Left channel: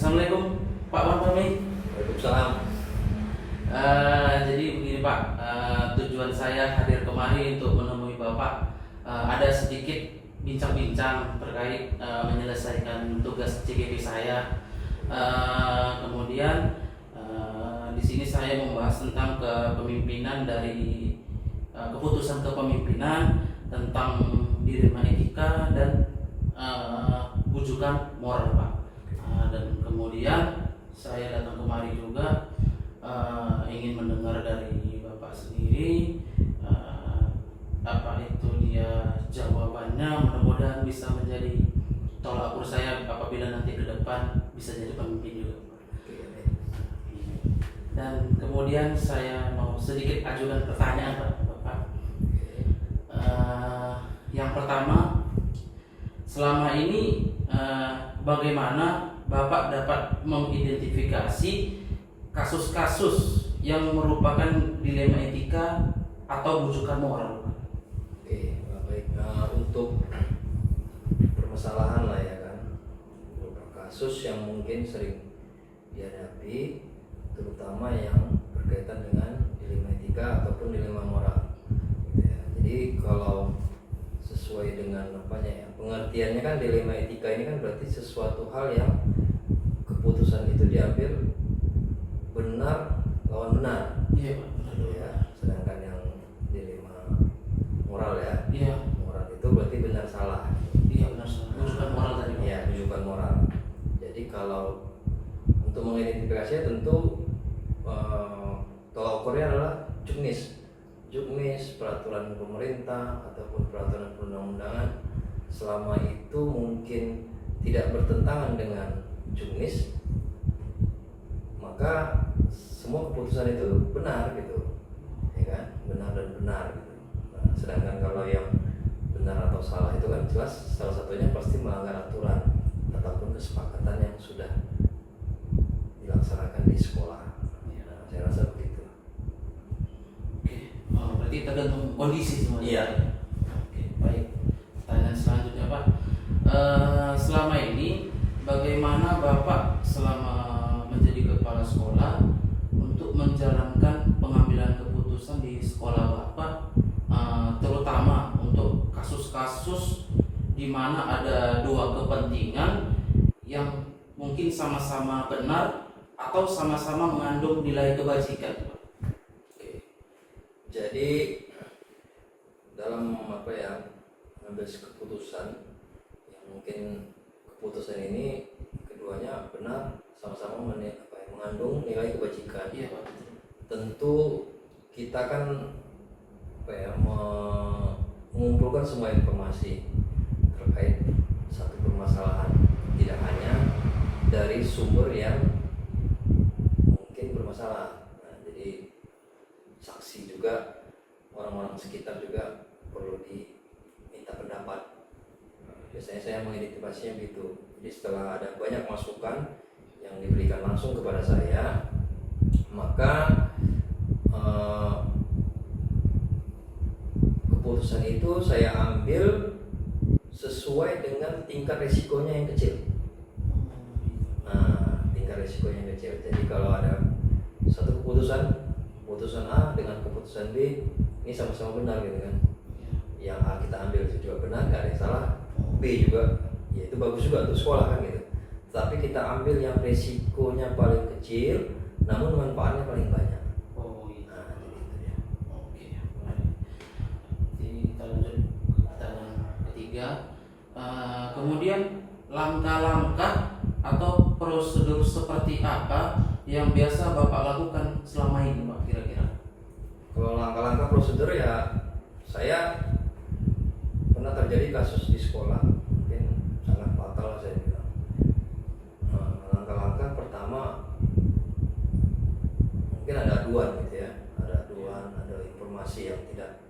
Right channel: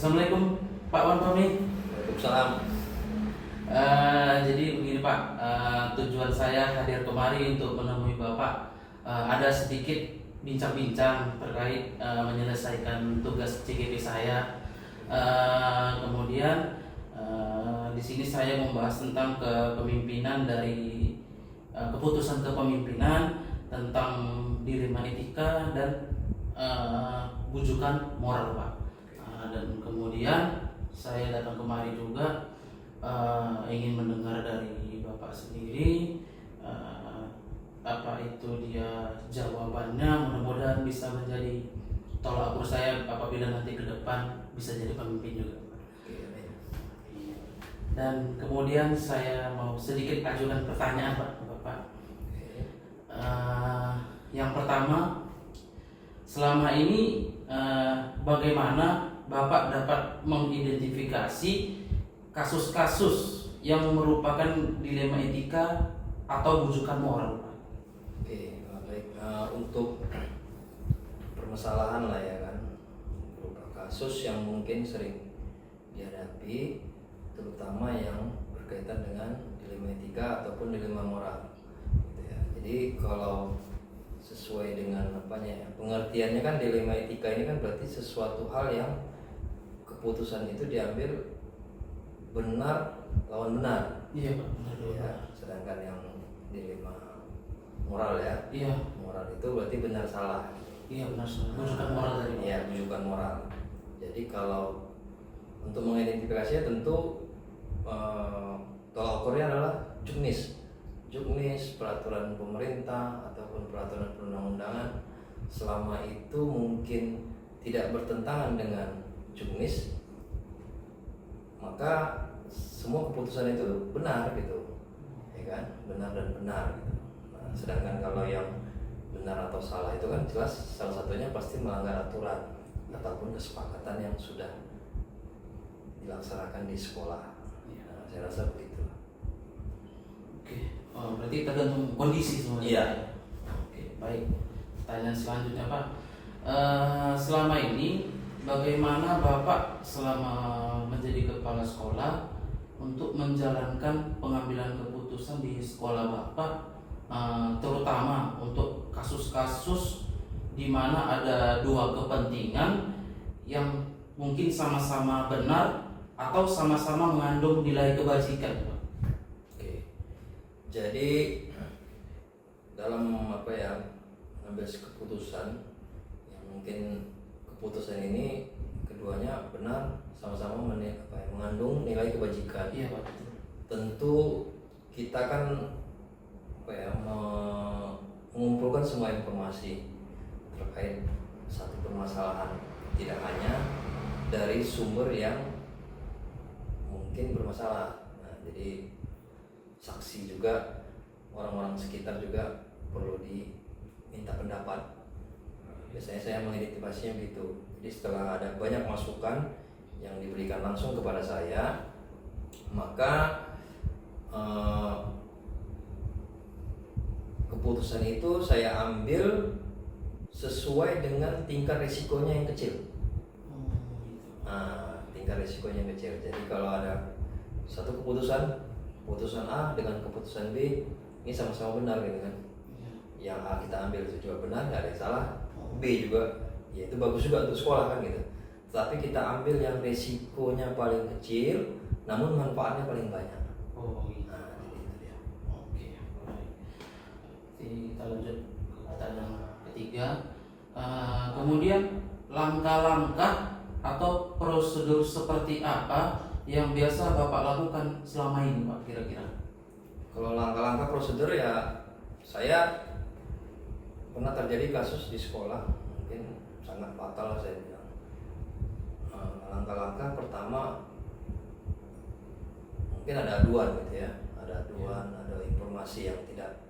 Assalamualaikum Pak Wantomi. Waalaikumsalam. Jadi begini Pak, tujuan saya hadir kemari untuk menemui Bapak. Ada sedikit bincang-bincang terkait menyelesaikan tugas CGP saya. Kemudian di sini saya membahas tentang kepemimpinan dari keputusan kepemimpinan tentang dilema etika dan bujukan moral Pak. Dan kemudian saya datang kemari juga ingin mendengar dari Bapak sendiri apa itu dia jawabannya, mudah-mudahan bisa menjadi tolak ukur saya apabila nanti ke depan bisa jadi pemimpin juga. Dan kemudian saya mau sedikit ajukan pertanyaan Pak Bapak. Yang pertama, selama ini bagaimana Bapak dapat mengidentifikasi kasus-kasus yang merupakan dilema etika atau bujukan moral? Oke, baik. Untuk permasalahan lah ya kan, beberapa kasus yang mungkin sering dihadapi, terutama yang berkaitan dengan dilema etika ataupun dilema moral. Ya, jadi kalau sesuai dengan pengertiannya kan dilema etika ini kan berarti sesuatu hal yang keputusan itu diambil benar lawan benar. Iya Pak, benar. Ya, sedangkan yang dilema moral ya, Iya. moral itu berarti benar salah. Iya benar, bujukan moral tadi Pak. Ya, rujukan moral. Jadi kalau untuk mengidentifikasinya tentu tolak ukurnya adalah juknis peraturan pemerintah ataupun peraturan perundang-undangan, selama itu mungkin tidak bertentangan dengan juknis, maka semua keputusan itu benar gitu, ya kan, benar dan benar gitu. Nah, sedangkan kalau yang benar atau salah itu kan jelas salah satunya pasti melanggar aturan ataupun kesepakatan yang sudah dilaksanakan di sekolah. Nah, saya rasa begitu. Oke, berarti tergantung kondisi semuanya. Iya. Oke, baik. Pertanyaan selanjutnya Pak, selama ini bagaimana Bapak selama menjadi kepala sekolah untuk menjalankan pengambilan keputusan di sekolah Bapak, terutama untuk kasus-kasus di mana ada dua kepentingan yang mungkin sama-sama benar atau sama-sama mengandung nilai kebajikan Pak? Oke. Jadi dalam mengambil keputusan yang mungkin keputusan ini keduanya benar, sama-sama mengandung nilai kebajikan. Iya Pak, betul. Tentu kita kan mengumpulkan semua informasi terkait satu permasalahan, tidak hanya dari sumber yang mungkin bermasalah. Nah, jadi saksi juga, orang-orang sekitar juga perlu diminta pendapat. Biasanya saya mengidentifikasinya begitu. Jadi setelah ada banyak masukan yang diberikan langsung kepada saya, maka keputusan itu saya ambil sesuai dengan tingkat risikonya yang kecil. Nah, tingkat risikonya yang kecil. Jadi kalau ada satu keputusan A dengan keputusan B, ini sama-sama benar gitu kan. Yang A kita ambil itu juga benar, nggak ada yang salah. B juga, ya itu bagus juga untuk sekolah kan gitu. Tapi kita ambil yang risikonya paling kecil, namun manfaatnya paling banyak. Oh gitu. Nah, jadi itu ya. Oke, baik. Jadi kita lanjut ke pertanyaan ketiga. Kemudian langkah-langkah atau prosedur seperti apa yang biasa Bapak lakukan selama ini Pak kira-kira? Kalau langkah-langkah prosedur ya, saya pernah terjadi kasus di sekolah mungkin sangat fatal saya bilang. Langkah-langkah pertama mungkin ada aduan gitu ya, ada informasi yang tidak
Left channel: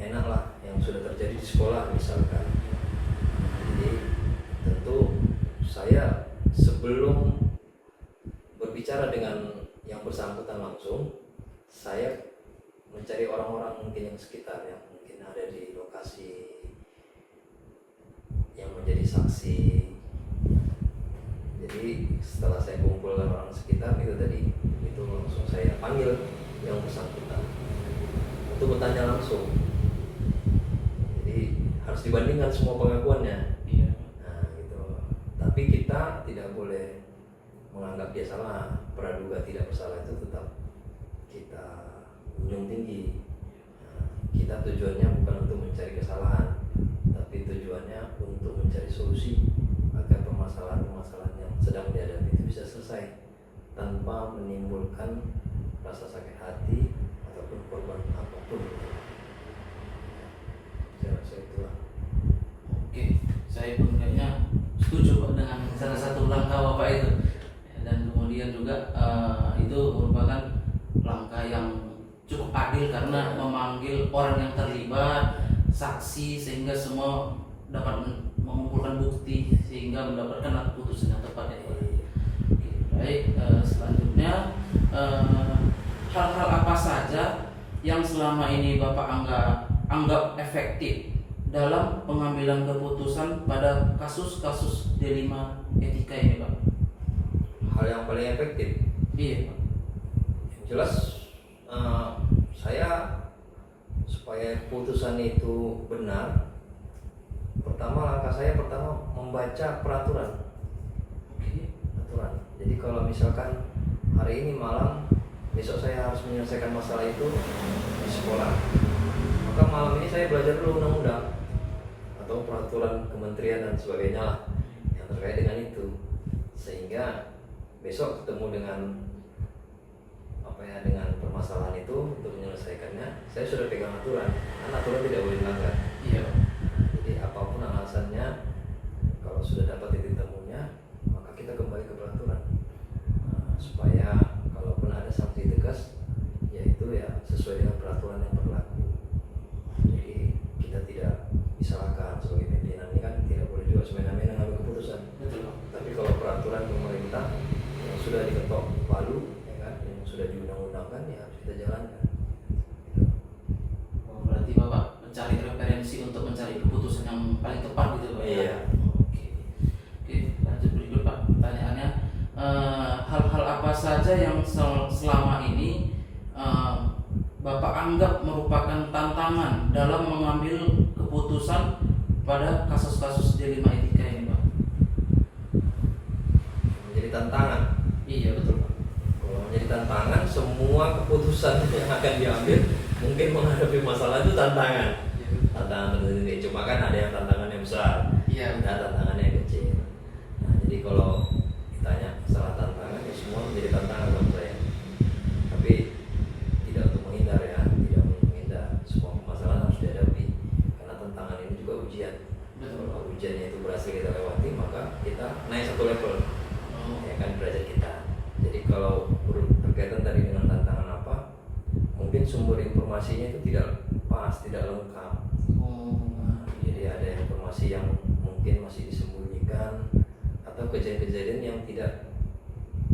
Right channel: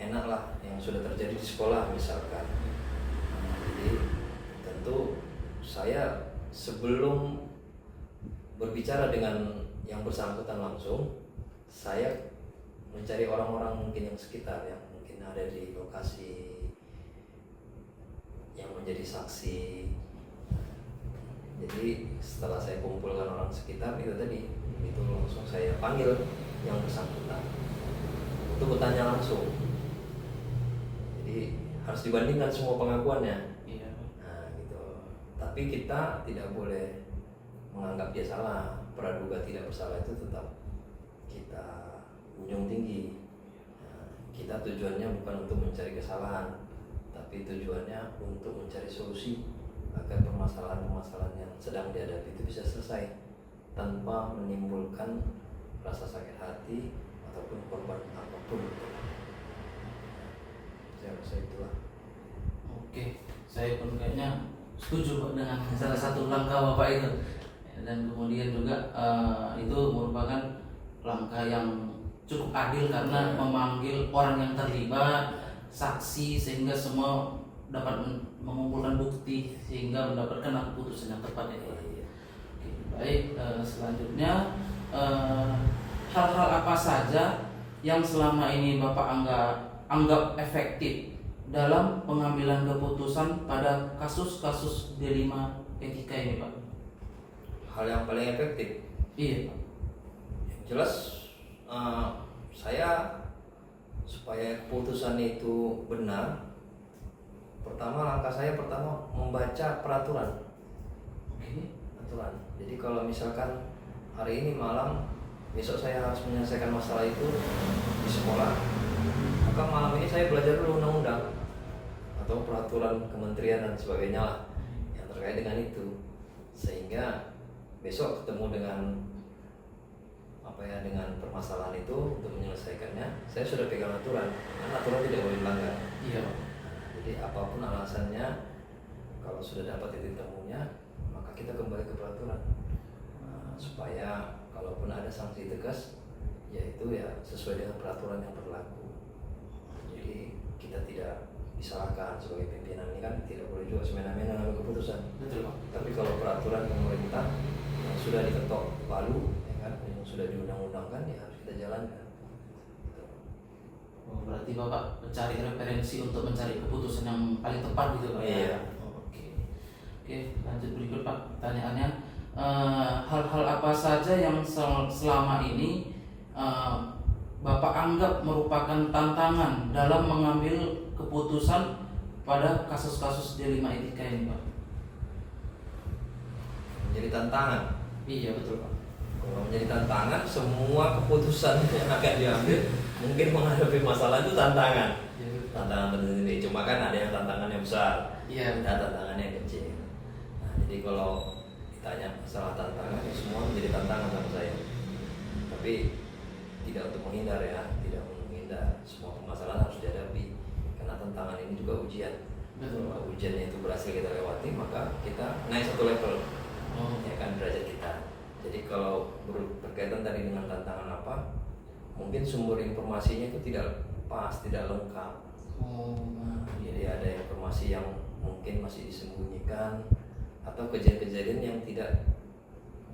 enak lah yang sudah terjadi di sekolah misalkan. Jadi tentu saya sebelum berbicara dengan yang bersangkutan langsung, saya mencari orang-orang mungkin yang sekitar yang mungkin ada di lokasi yang menjadi saksi. Jadi Jadi setelah saya kumpulkan orang sekitar itu tadi, itu langsung saya panggil yang bersangkutan untuk bertanya langsung. Jadi harus dibandingkan semua pengakuannya. Iya. Nah, gitu. Tapi kita tidak boleh menganggap dia salah. Praduga tidak bersalah itu tetap kita junjung tinggi. Nah, kita tujuannya bukan untuk mencari kesalahan, tapi tujuannya untuk mencari solusi agar permasalahan-permasalahan yang sedang dihadapi itu bisa selesai tanpa menimbulkan rasa sakit hati ataupun korban apapun. Saya rasa itulah. Oke, saya pun kayaknya setuju Pak dengan salah satu langkah Bapak itu. Dan kemudian juga itu merupakan langkah yang cukup adil karena memanggil orang yang terlibat, saksi, sehingga semua dapat mengumpulkan bukti sehingga mendapatkan keputusan yang tepat ya Pak. Oke, baik, selanjutnya hal-hal apa saja yang selama ini Bapak anggap efektif dalam pengambilan keputusan pada kasus-kasus D5 etika ini Pak? Hal yang paling efektif, Iya Pak. yang jelas saya supaya keputusan itu benar, langkah saya pertama membaca peraturan. Oke. Aturan. Jadi kalau misalkan hari ini malam, besok saya harus menyelesaikan masalah itu di sekolah, maka malam ini saya belajar dulu undang-undang atau peraturan kementerian dan sebagainya lah yang terkait dengan itu, sehingga besok ketemu dengan dengan permasalahan itu untuk menyelesaikannya, saya sudah pegang aturan, karena aturan tidak boleh dilanggar. Iya. Jadi apapun alasannya, kalau sudah dapat titik temunya, maka kita kembali ke peraturan. Supaya kalaupun ada sanksi tegas, yaitu ya sesuai dengan peraturan yang berlaku. Jadi kita tidak disalahkan sebagai pimpinan, ini kan tidak boleh juga semena-mena ngambil keputusan. Betul Pak. Tapi kalau peraturan pemerintah yang sudah diketok palu, ya kan, yang sudah diundang-undangkan, ya harus kita jalankan. Oh, berarti Bapak mencari referensi untuk mencari keputusan yang paling tepat gitu Pak? Iya. Oke. Oke, lanjut berikut Pak. Pertanyaannya, hal-hal apa saja yang selama ini Bapak anggap merupakan tantangan dalam mengambil keputusan pada kasus-kasus D5 etika ini Pak? Menjadi tantangan. Iya betul Pak. Kalau menjadi tantangan, semua keputusan yang akan diambil mungkin menghadapi masalah itu tantangan. Iya. Tantangan tersendiri. Cuma kan ada yang tantangannya besar, Iya. ada tantangannya yang kecil. Nah, jadi kalau ditanya masalah tantangan, ya semua menjadi tantangan buat saya. Tapi tidak untuk menghindar ya, tidak untuk menghindar. Semua permasalahan harus dihadapi, karena tantangan ini juga ujian. Betul. Kalau ujiannya itu berhasil kita lewati, maka kita naik satu level. Oh. Ya kan, derajat kita. Jadi kalau berkaitan tadi dengan tantangan apa, mungkin sumber informasinya itu tidak pas, tidak lengkap. Oh. Jadi ada informasi yang mungkin masih disembunyikan atau kejadian-kejadian yang tidak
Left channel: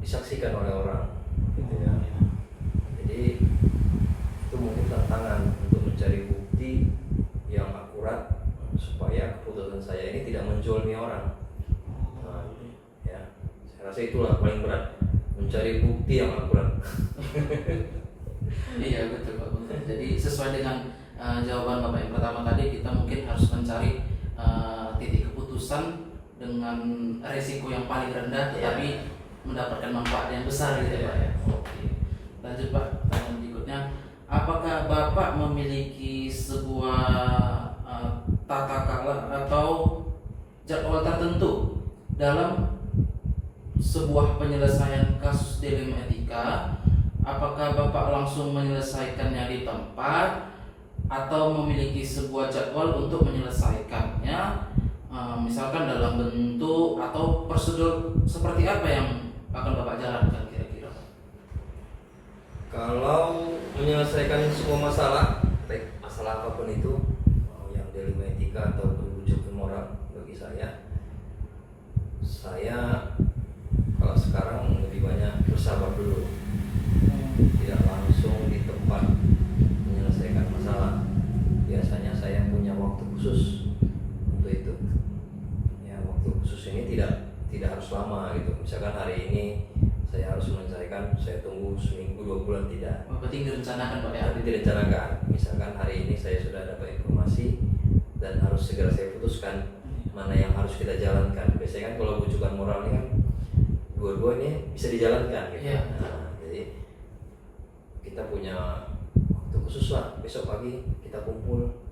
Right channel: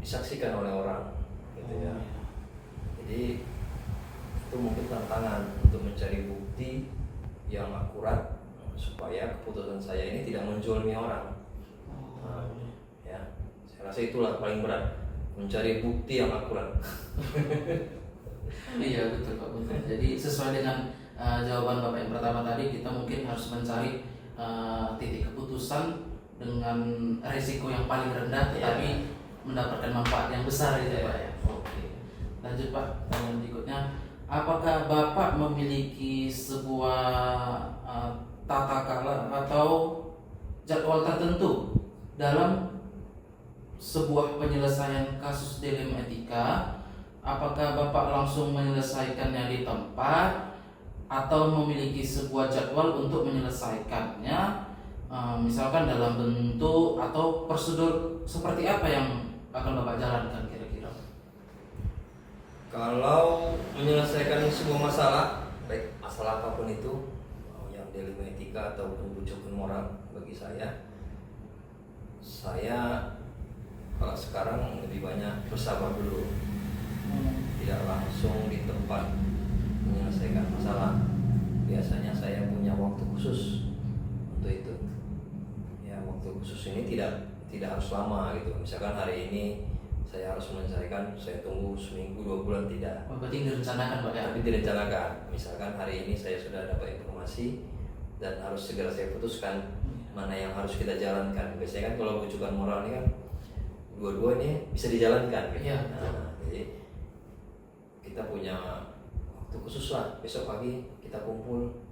disaksikan oleh orang, gitu ya. Jadi itu mungkin tantangan untuk mencari bukti yang akurat supaya keputusan saya ini tidak menjolimi orang. Nah, ya, saya rasa itulah paling berat, mencari bukti yang akurat. Iya betul Pak, betul. Jadi sesuai dengan jawaban Bapak yang pertama tadi, kita mungkin harus mencari titik keputusan dengan resiko yang paling rendah, tetapi mendapatkan manfaat yang besar gitu ya Pak ya. Oke. Lanjut Pak, pertanyaan berikutnya, apakah Bapak memiliki sebuah tata cara atau jadwal tertentu dalam sebuah penyelesaian kasus dilema etika? Apakah Bapak langsung menyelesaikannya di tempat atau memiliki sebuah jadwal untuk menyelesaikannya, misalkan dalam bentuk atau prosedur seperti apa yang akan Bapak jalankan kira-kira? Kalau menyelesaikan sebuah masalah, baik masalah apapun itu, yang dilema etika ataupun bujukan moral, bagi saya kalau sekarang lebih banyak bersabar dulu, tidak langsung di tempat menyelesaikan masalah. Biasanya saya punya waktu khusus untuk itu. Ya, waktu khusus ini tidak tidak harus lama gitu. Misalkan hari ini saya harus menyelesaikan, saya tunggu seminggu 2 bulan tidak. Berarti direncanakan Pak ya? Tapi direncanakan. Misalkan hari ini saya sudah dapat informasi dan harus segera saya putuskan mana yang harus kita jalankan. Biasanya kan kalau bujukan moral ini kan dua-dua ini bisa dijalankan gitu. Iya. Nah, jadi kita punya waktu khusus lah, besok pagi kita kumpul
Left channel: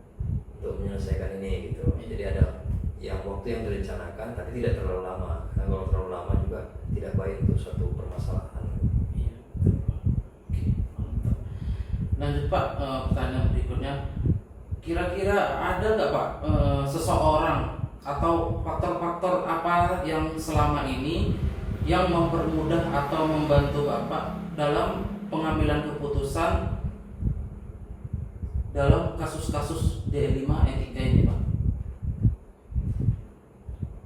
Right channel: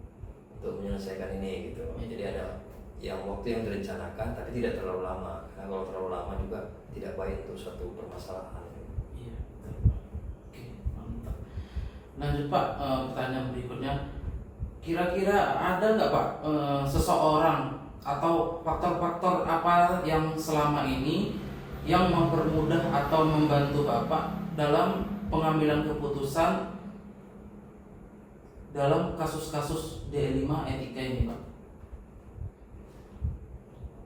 untuk menyelesaikan ini gitu. Jadi ada yang waktu yang direncanakan tapi tidak terlalu lama, karena kalau terlalu lama juga tidak baik untuk suatu permasalahan. Iya, betul, Pak. Oke, mantap. Lanjut Pak, pertanyaan berikutnya, kira-kira ada nggak Pak seseorang atau faktor-faktor apa yang selama ini yang mempermudah atau membantu Bapak dalam pengambilan keputusan dalam kasus-kasus D5 etika ini Pak?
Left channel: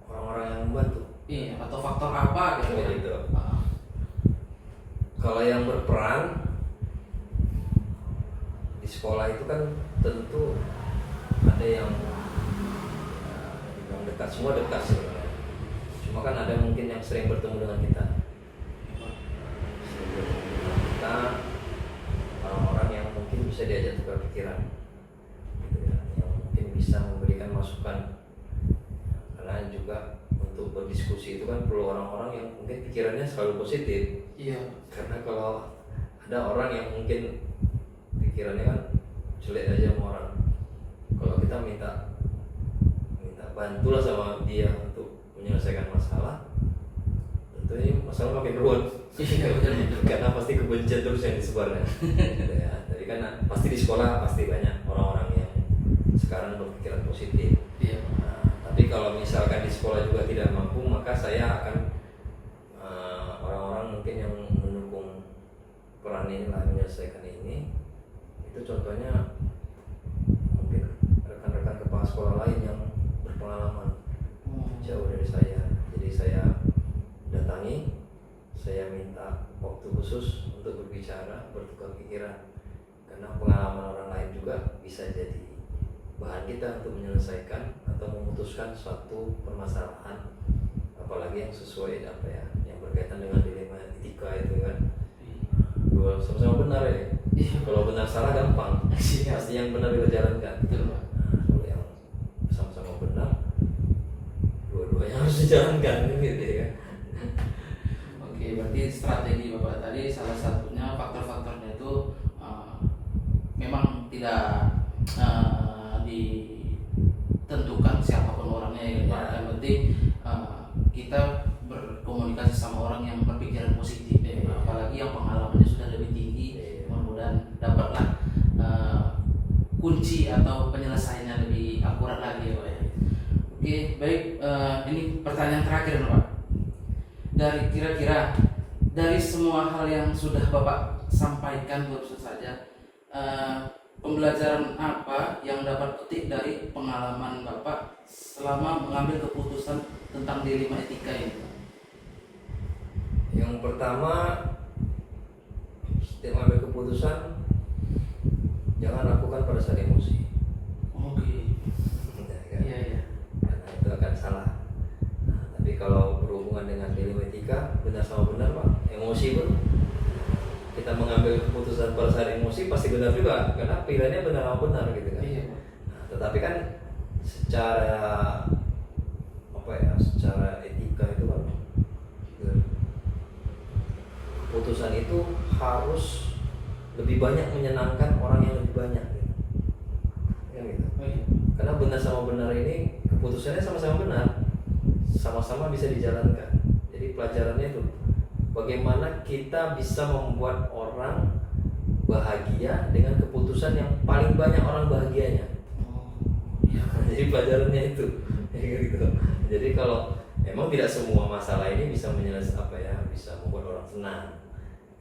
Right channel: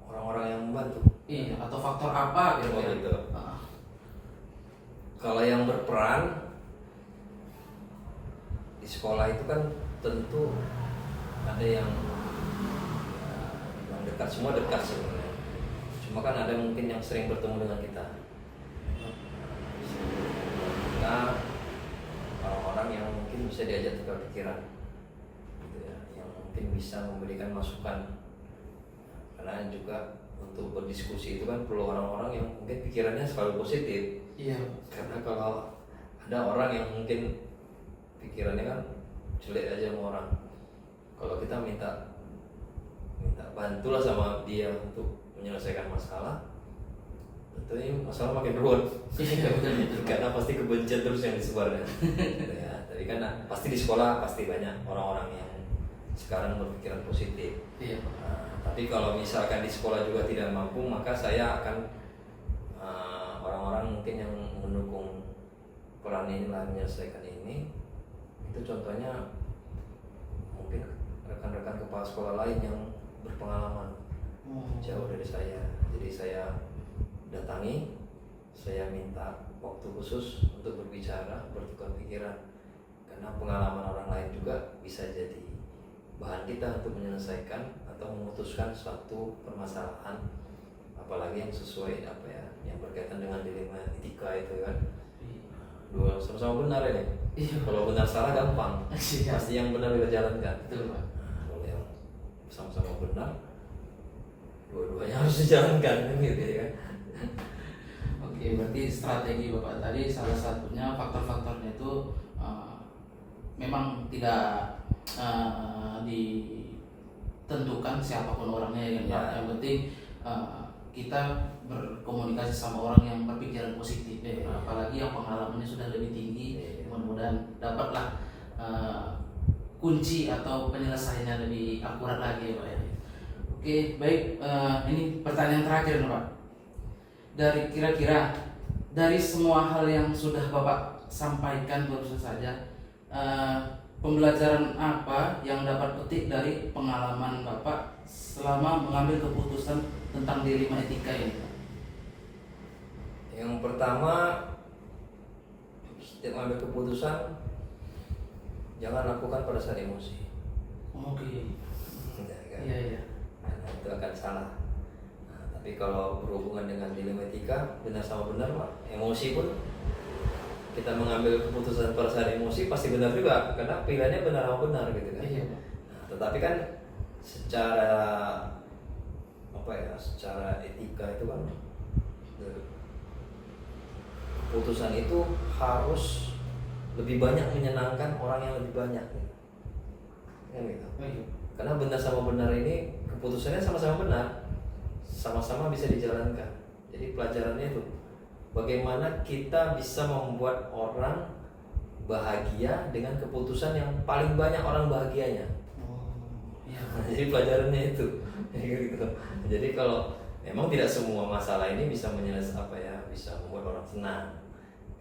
Orang-orang yang membantu. Iya, atau faktor apa gitu? Oh, gitu. Ah, Kalau yang berperan di sekolah itu kan tentu ada yang dekat, semua dekat sebenarnya. Cuma kan ada mungkin yang sering bertemu dengan kita. Kita orang-orang yang mungkin bisa diajak tukar pikiran, gitu ya, yang mungkin bisa memberikan masukan. Karena juga untuk berdiskusi itu kan perlu orang-orang yang mungkin pikirannya selalu positif. iya. Karena kalau ada orang yang mungkin pikirannya kan jelek aja sama orang, kalau kita minta bantulah sama dia untuk menyelesaikan masalah, tentunya masalah makin ruwet. Karena pasti kebencian terus yang disebarkan. Gitu ya. Tapi kan pasti di sekolah pasti banyak orang-orang yang sekarang berpikiran positif. Iya. Nah, tapi kalau misalkan di sekolah juga tidak mampu, maka saya akan orang-orang mungkin yang mendukung peran ini lah menyelesaikan ini. Itu contohnya mungkin rekan-rekan kepala sekolah lain yang berpengalaman jauh dari saya. Jadi saya datangi, saya minta waktu khusus untuk berbicara, bertukar pikiran. Karena pengalaman orang lain juga bisa jadi bahan kita untuk menyelesaikan atau memutuskan suatu permasalahan, apalagi yang sesuai apa ya, yang berkaitan dengan dilema etika itu kan. Dua sama-sama benar ya. Kalau benar salah gampang, pasti yang benar kita jalankan. Betul Pak. Nah, kalau yang sama-sama benar, dua-duanya harus dijalankan gitu ya. Oke, berarti strategi Bapak tadi salah satunya faktor-faktornya itu memang tidak ditentukan siapapun orangnya ya Pak. Ya. Yang penting kita berkomunikasi sama orang yang berpikiran positif ya, Ya. apalagi yang pengalamannya sudah lebih tinggi. Ya. Mudah-mudahan dapatlah kunci atau penyelesaiannya lebih akurat lagi ya Pak ya. Oke, baik, ini pertanyaan terakhir Pak. Kira-kira dari semua hal yang sudah Bapak sampaikan barusan saja, pembelajaran apa yang dapat petik dari pengalaman Bapak selama mengambil keputusan tentang D5 etika ini? Yang pertama, setiap mengambil keputusan jangan lakukan pada saat emosi. Oke. Ya, kan? Iya, iya. Karena itu akan salah. Nah, tapi kalau berhubungan dengan dilema etika, benar sama benar Pak, emosi pun kita mengambil keputusan pada saat emosi pasti benar juga, karena pilihannya benar sama benar gitu kan. Iya, Pak. Nah, tetapi kan secara apa ya, secara etika itu kan keputusan itu harus lebih banyak menyenangkan orang yang lebih banyak gitu. Ya, gitu. Oh, iya. Karena benar sama benar ini keputusannya sama-sama benar, sama-sama bisa dijalankan. Jadi pelajarannya itu bagaimana kita bisa membuat orang bahagia dengan keputusan yang paling banyak orang bahagianya. Oh, iya. Jadi pelajarannya itu gitu. Jadi kalau memang tidak semua masalah ini bisa menyelesaikan apa ya, bisa membuat orang senang,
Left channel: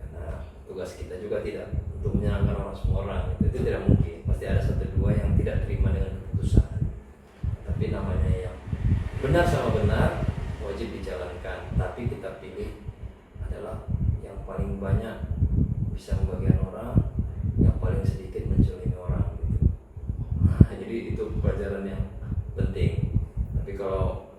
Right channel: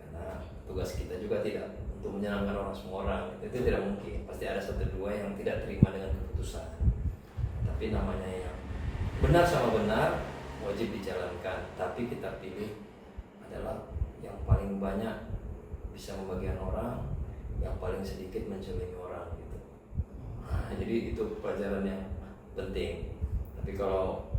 karena tugas kita juga tidak untuk menyenangkan orang semua orang, itu tidak mungkin. Pasti ada satu dua yang tidak terima dengan keputusan. Tapi namanya yang benar sama benar wajib dijalankan. Tapi kita pilih adalah yang paling banyak bisa membagikan orang, yang paling sedikit mencelimi orang gitu. Nah, jadi itu pelajaran yang penting. Tapi kalau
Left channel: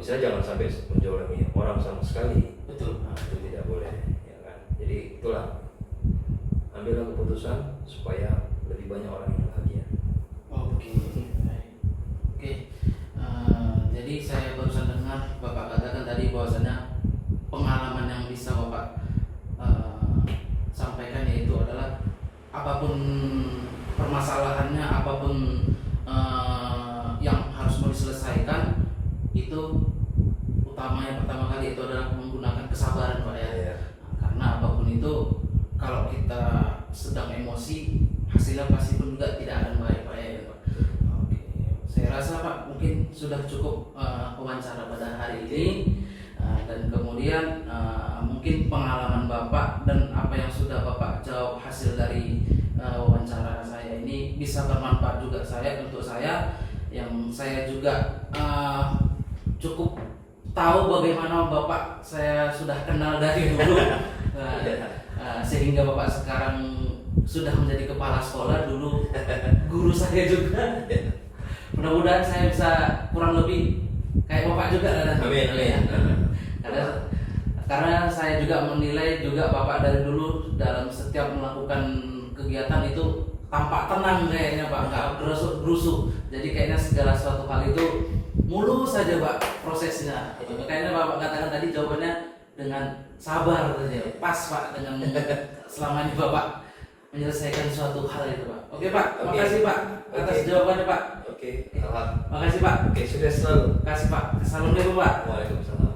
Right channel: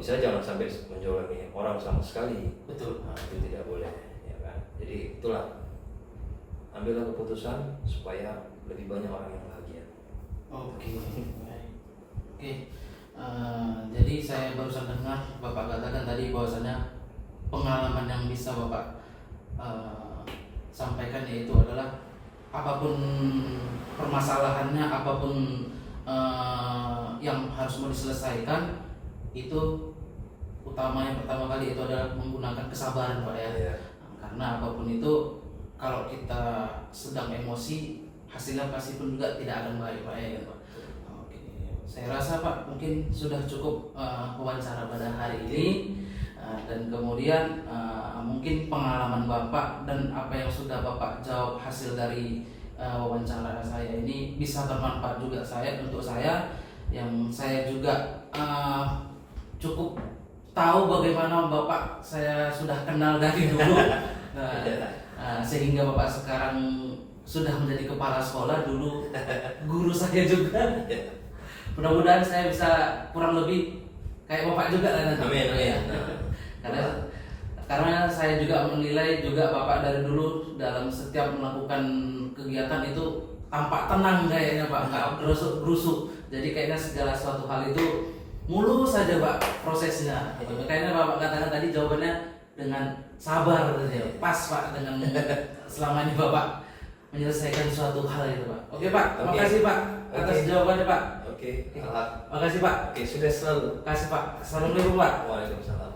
bisa jangan sampai menjolimi orang sama sekali. Betul. Nah, itu tidak boleh, ya kan. Jadi itulah, ambillah keputusan supaya lebih banyak orang yang bahagia. Oke, baik. Oke, jadi saya barusan dengar Bapak katakan tadi bahwasanya pengalaman yang bisa Bapak sampaikan yaitu adalah apapun permasalahannya, apapun yang harus mau diselesaikan, itu utamanya pertama kali itu adalah menggunakan kesabaran Pak ya. Iya. Karena apapun itu kalau kita sedang emosi, hasilnya pasti pun juga tidak akan baik Pak ya. Oke. Saya rasa Pak mungkin sudah cukup wawancara pada hari ini. Dan kemudian mungkin pengalaman Bapak dan apa yang sudah Bapak jawab hasil dari wawancara saya ini bisa bermanfaat juga untuk saya, yang saya juga cukup tahu bagaimana Bapak saya sudah kenal dari dulu. Sehingga Bapak sekarang sudah menjadi kepala sekolah, dulu guru saya juga. Mudah-mudahan saya bisa kurang lebih kayak Bapak juga kan. Amin. Karena saya juga menilai juga Bapak dari dulu dalam setiap melakukan kegiatan itu tampak tenang kayaknya Pak, nggak gerusuk. Jadi kayaknya segala suatu hal itu mulus saja Pak prosesnya. Kayaknya Bapak katakan tadi jawabannya dengan sabar saja. Pas Pak dengan selama ini Bapak menyelesaikan suatu hal itu Pak. Oke Pak, makasih Pak atas jawabannya Pak. Oke, alhamdulillah. Makasih Pak. Oke, sukses selalu. Makasih Pak. Assalamualaikum Pak. Waalaikumsalam.